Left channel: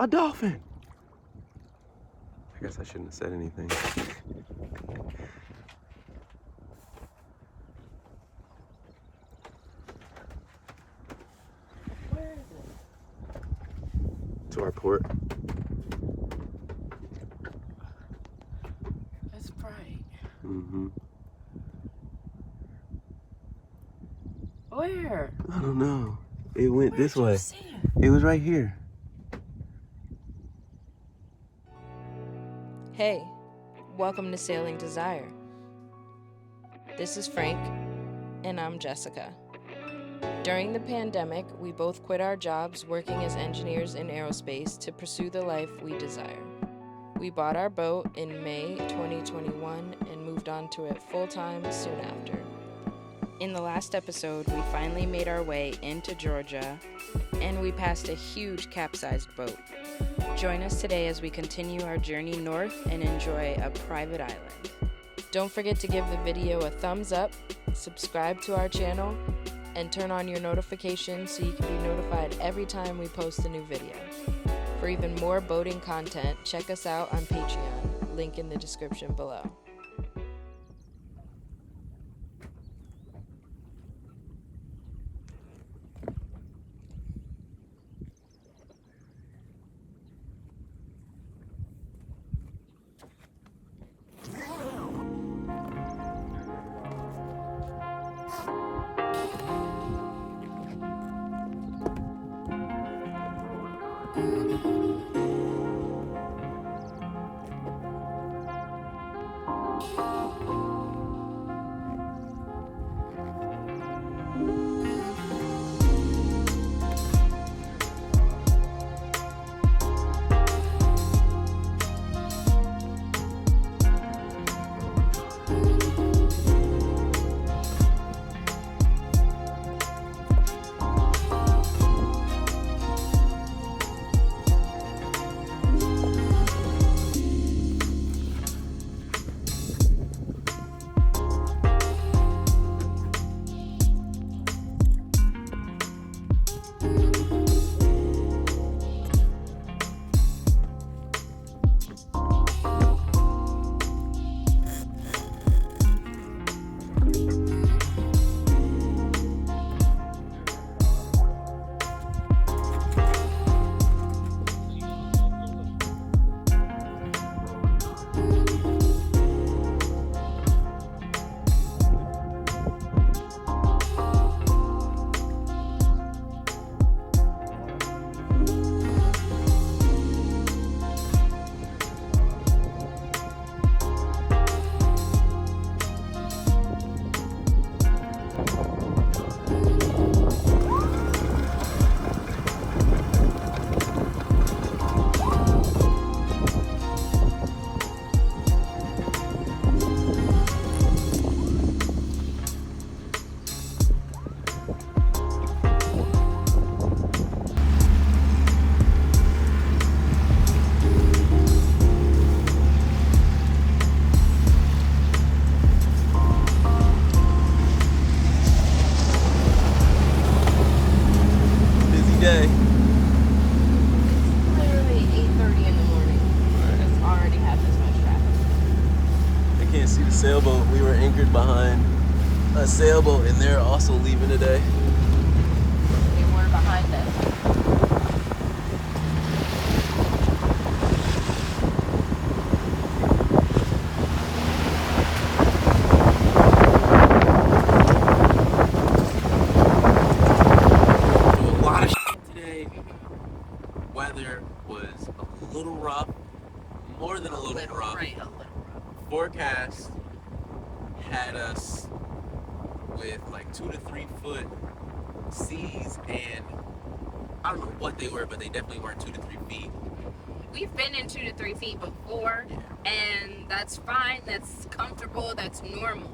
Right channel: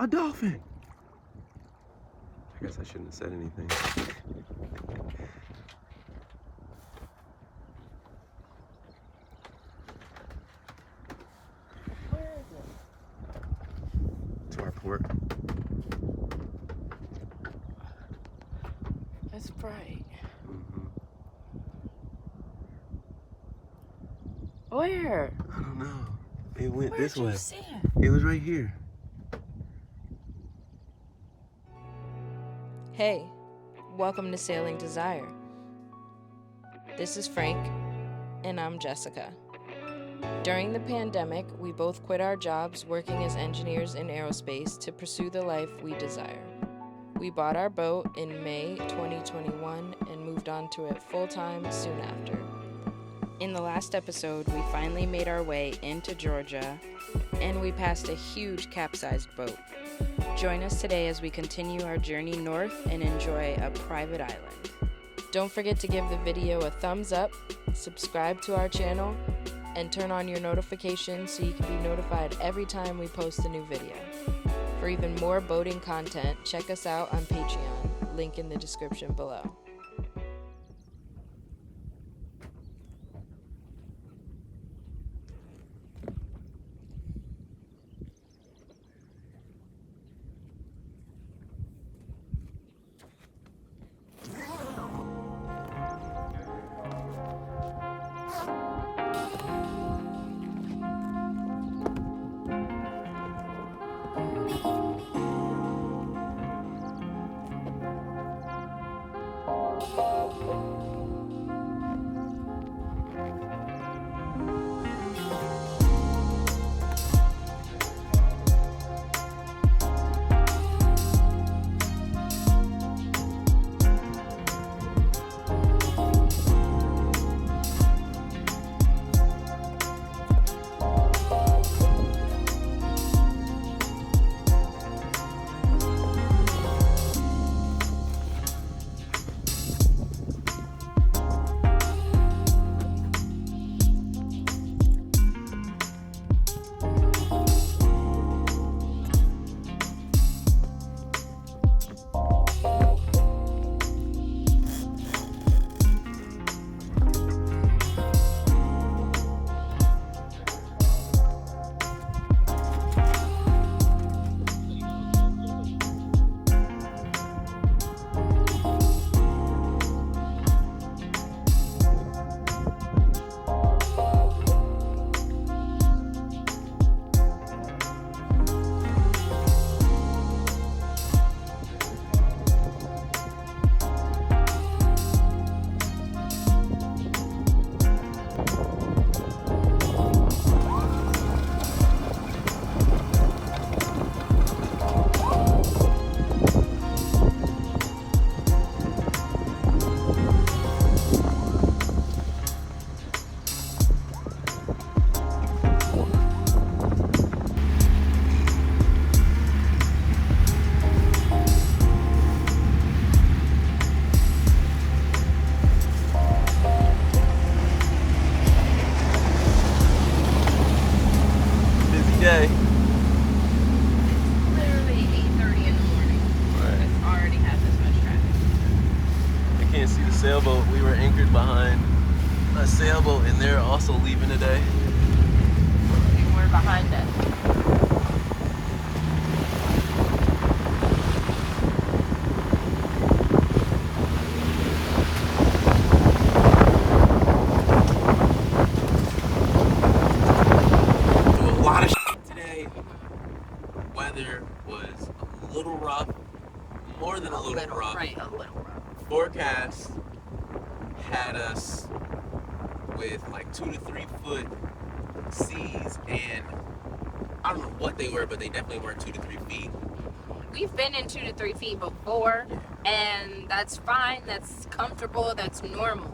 A dolphin. I guess I shouldn't have said anything. Where is it? To our port. That's bright. Mm-hmm. Where? I don't know. It went this way. See it? It was right here. Hey, welcome to Sailing Desire. This is Frank, and I'm Jessica. During the pandemic, we both quit our jobs working as engineers in aerospace to pursue the life we desire. We bought our boat in May 2021 and moved on to it full-time soon after. In the last episode, we finally made our way into Georgia, and we passed a huge capsized boat. Join us today as we continue our journey north and enjoy a private island. Don't forget to give the video a thumbs up, subscribe to our channel, and turn on your notifications so you can be notified every time we post a new video. For even more boating content, check us out on Patreon, link in the description below. Day. Literally 8:30 in the morning. Right. It's already had this much traffic. I can't see the sailboat. We were anchored behind a sailboat, and they're also leaving today. And we're behind them. A lot of today. Weather was a little rough, more than a little rough. Right, a little rough. Forecast had us with like 2 to 3 foot seas, and I don't know what they were, but they definitely weren't 2 to 3 feet. We've been in 2 to 3 feet before, and that's fine, that's comfortable, that's normal.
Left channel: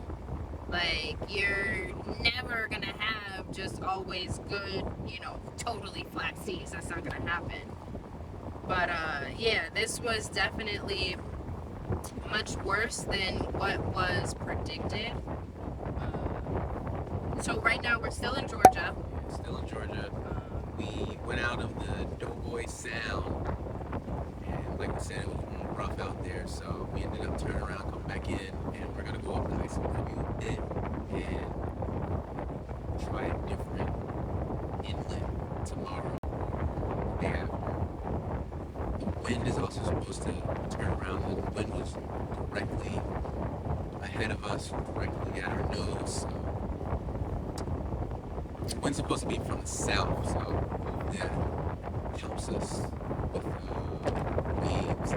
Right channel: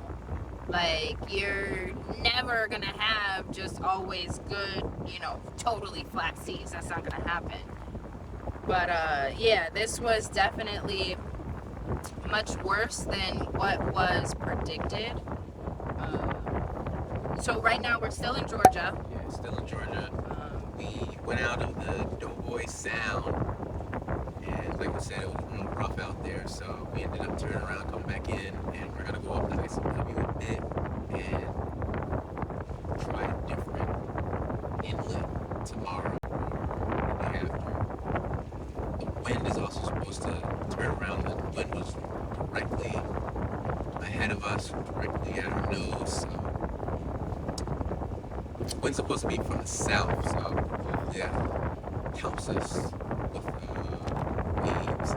Like, you're never gonna have just always good, totally flat seas. That's not gonna happen. But yeah, this was definitely much worse than what was predicted. So right now we're still in Georgia. Yeah, still in Georgia. We went out of the Doboy Sound like we said, it was a little rough out there, so we ended up turning around, coming back in, and we're gonna go up the ICW a bit and try a different inlet tomorrow or the day after. The wind is also supposed to turn around. The wind was directly ahead of us, directly at our nose. So the wind's supposed to be from the south, so hopefully that helps us with waves.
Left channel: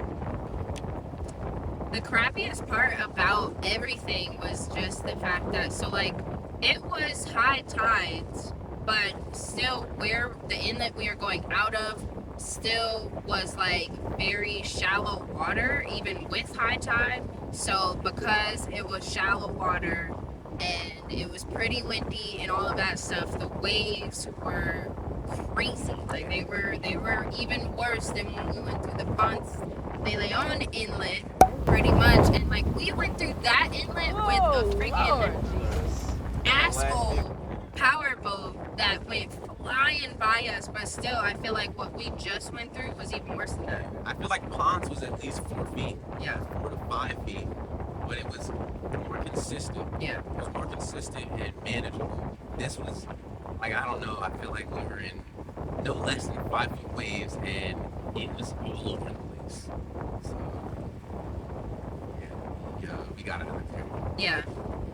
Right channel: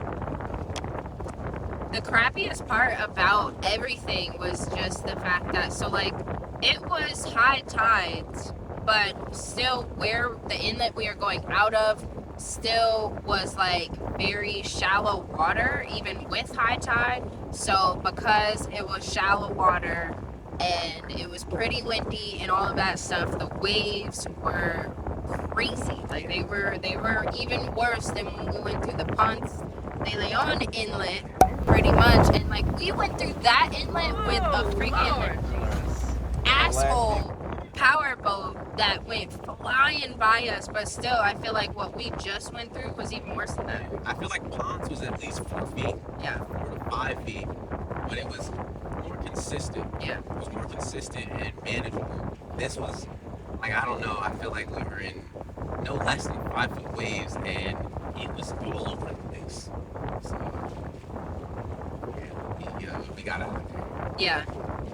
The crappiest part about everything was just the fact that, so like, it was high tides, but still where the inlet we are going out of still was like very shallow water, even with high tide. So because it was shallow water and it was pretty windy and all of that stuff, the waves were crazy. Like they were even worse than when we went through the Ponce de Leon inlet, pretty much. And like we went through that inlet with a freaking asshole powerboat that went flying by us, but still I feel like what we just went through was even worse than that. I feel like Ponce was at least 4 feet, Yeah. 4 to 5 feet, but it was more consistent. Yeah. It was more consistent and manageable. This was, like, I don't know, I feel like we were in no less than 5-foot waves, and it was all over the place. So, yeah, we got out of there. Yeah.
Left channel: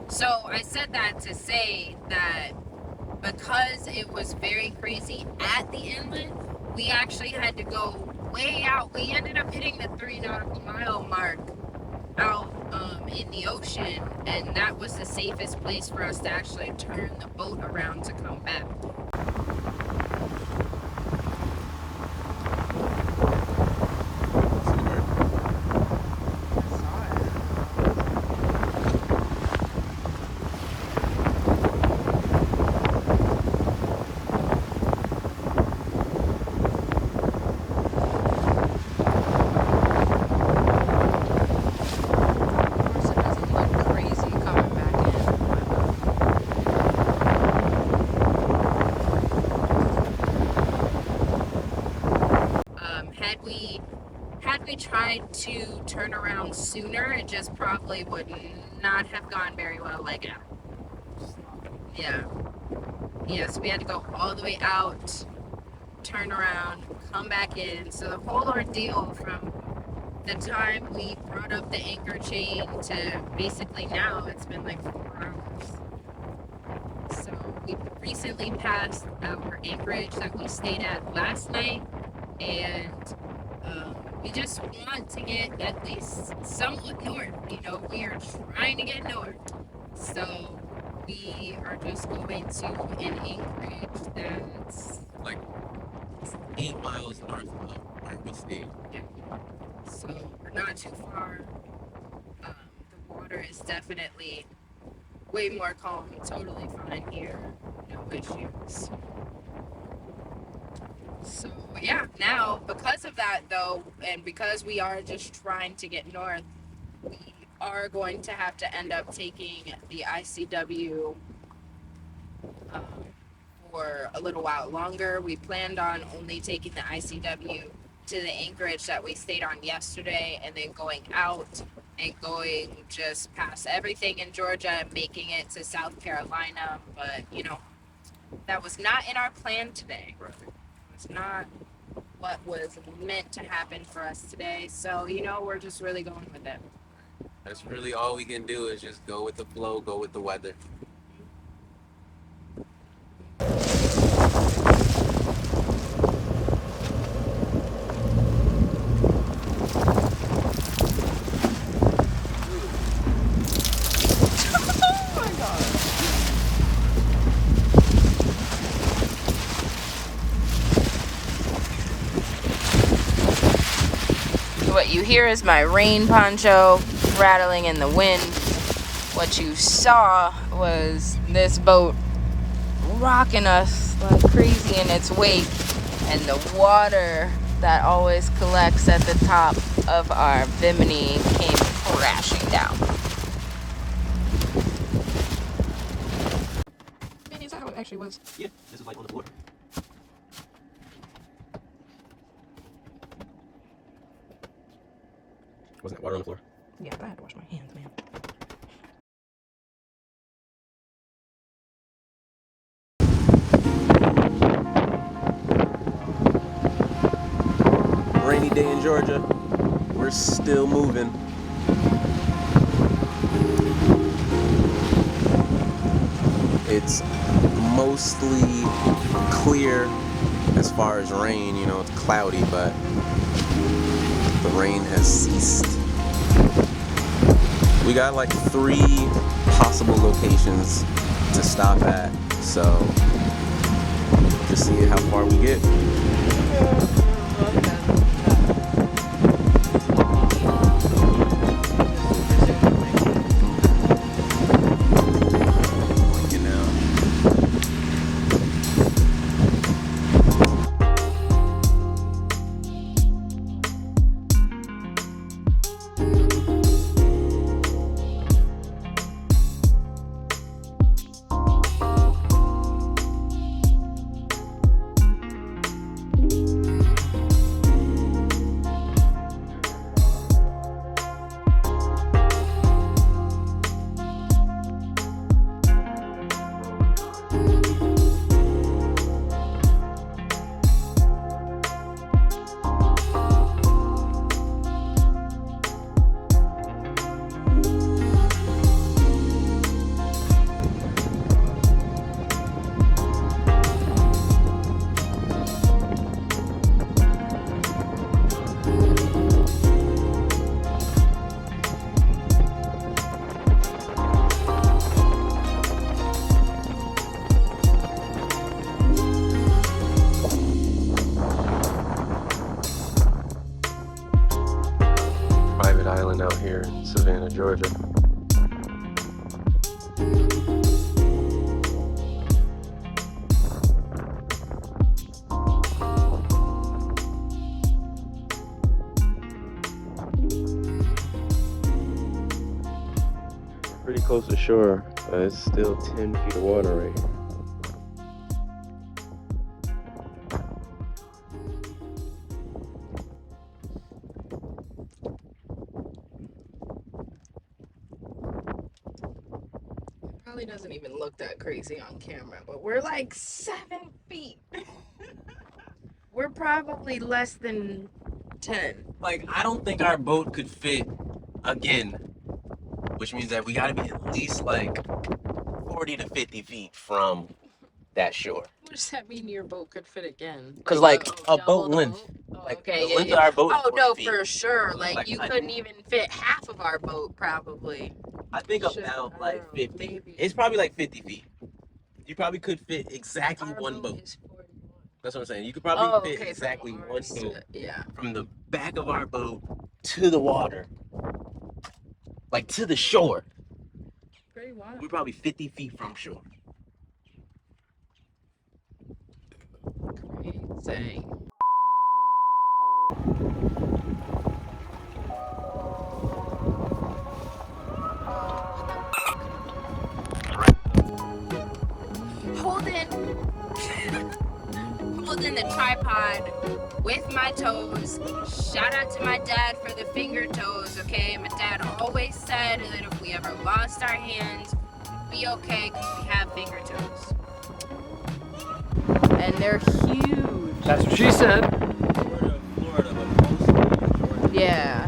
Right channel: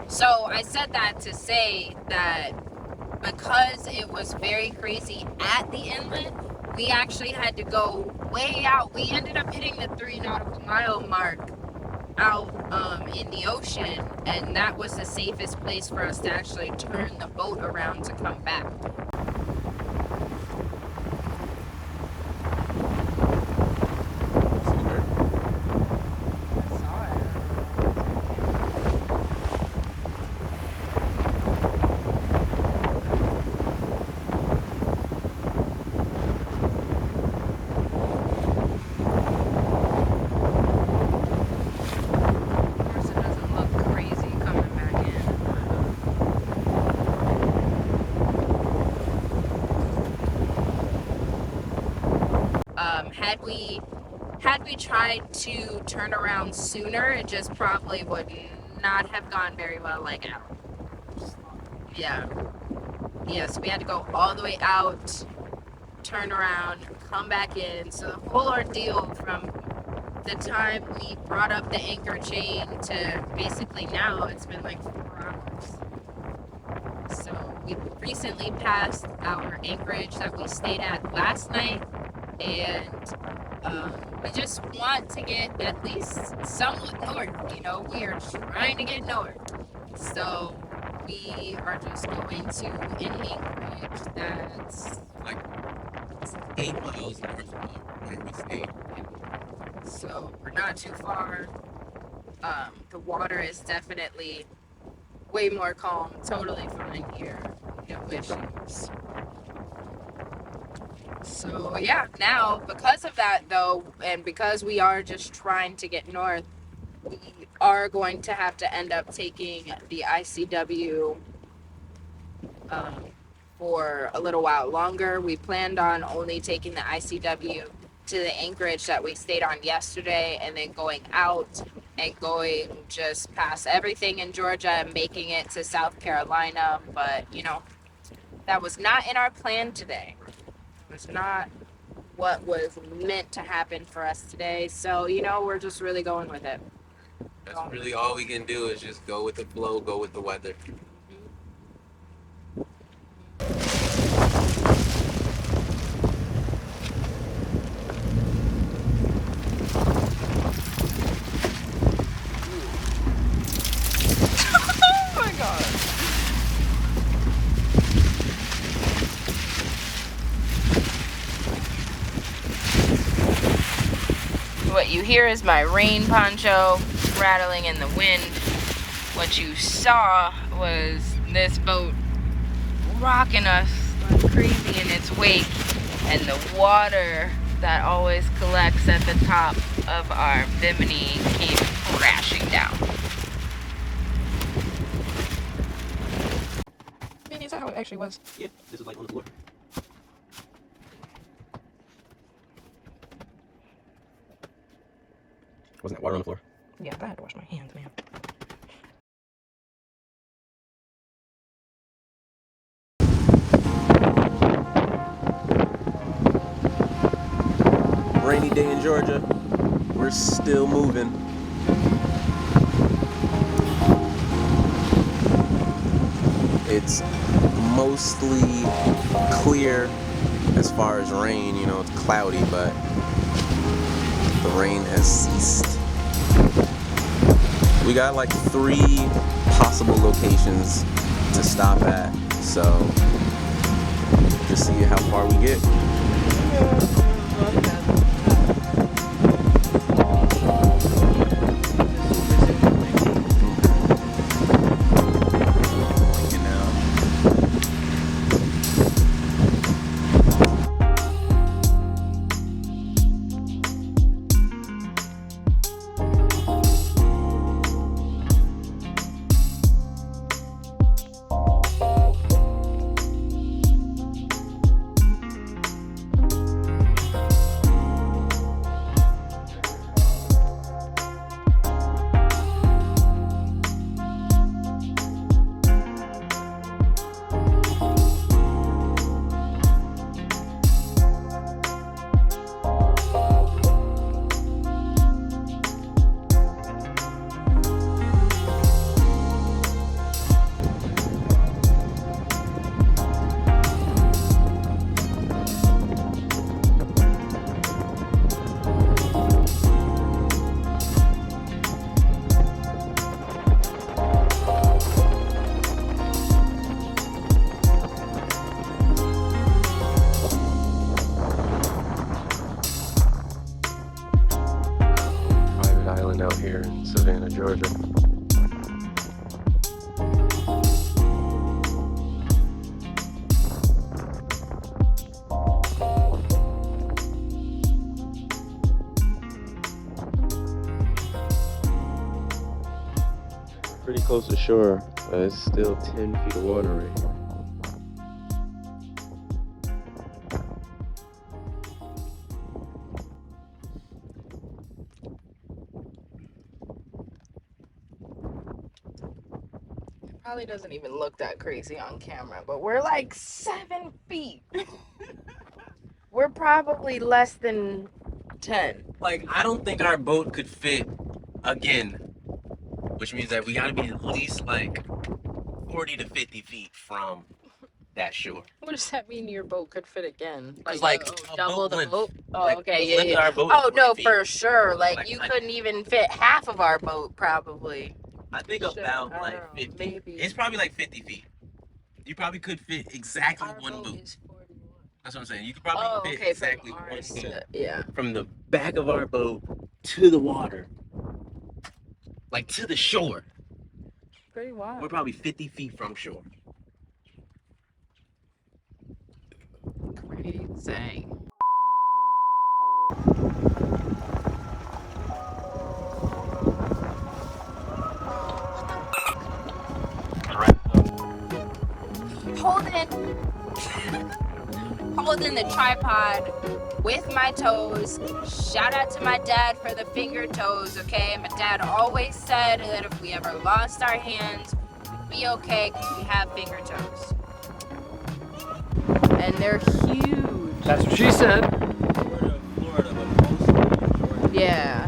So I said that to say that because it was very crazy at the inlet, we actually had to go way out. We ended up hitting the 3 nautical mile mark out in the ocean, and that was the safest place for us to actually turn the boat around to come back. Had we tried to turn around sooner, it just probably would not have gone very well like out. Yeah. Yeah, so we had to go all the way out, turn around, come back in. So the whole ordeal from the time we brought up the anchor chain to basically now, it's been like 4 hours. So we recently passed our anchorage that we stayed at last night, and we just want to get at least somewhat north. You know, we are trying to get north. So we are just going to an anchorage that's like 8 miles north of where we stayed. Yeah. So we're not too far. The water is definitely way more calm. Totally fine here. No issues. So yeah, now because of that though, and because we are just trying to get north, we are going to have to end up taking the ICW for a little while longer. We planned on only taking the ICW to the anchorage that we stayed on yesterday, and then going out and going just past everything in Georgia and making it to South Carolina. But you know, that was not in our plan today. Right. It's not what was meant to happen for us today. So, you know, we're just really going with it. That's really all we can do is just go with the flow, go with the weather. Oh my God. What you hear is my rain poncho rattling in the wind. What you saw was this boat rocking us like crazy in its wake, and the water that always collects at the top of our Bimini came crashing down. I mean, is that how it actually was? Yeah, this is like on the water. Wasn't that water on the floor? Yeah, but I had to wash my hands, man. Rainy day in Georgia. We're still moving. It's mostly clear as far as rain. You know, it's cloudy, but the rain has ceased. We got like 3 possible locations to stop at, so just see how far we get. Island out here in Savannah, Georgia. Pretty close to shore, but it's still 10 feet of water right here. Probably doesn't even look that crazy on camera, but we're like 7 feet. We're probably less than 10. Like, I don't think our boat could fit again, which means that we gotta be at least like 40 to 50 feet from that shore. What does that mean your boat could fit again? Because like a double boat the length. boat? Oh, Like, okay, the yeah, length yeah. of our boat is Oh, 40 no, feet. for sure. Like, you I couldn't think- even fit half of our boat, probably. I think Shit, about I like don't know, 50. maybe. It's probably like 50 feet. You probably could fit exactly Our one boat. is 41. That's what I'm saying. You could probably fit Okay, exactly from one ours boat to, yeah. from the back of our boat to the water. Like to the shore. Pretty wild. We're probably 50 feet from shore. Crazy. Holding the tripod with my toes. Shout out to my dad for the finger toes, okay? My dad always said that if we ever lost our hands, be okay because we have finger toes. And they're huge. That's what she said. Florida, but mostly in Georgia. Yeah.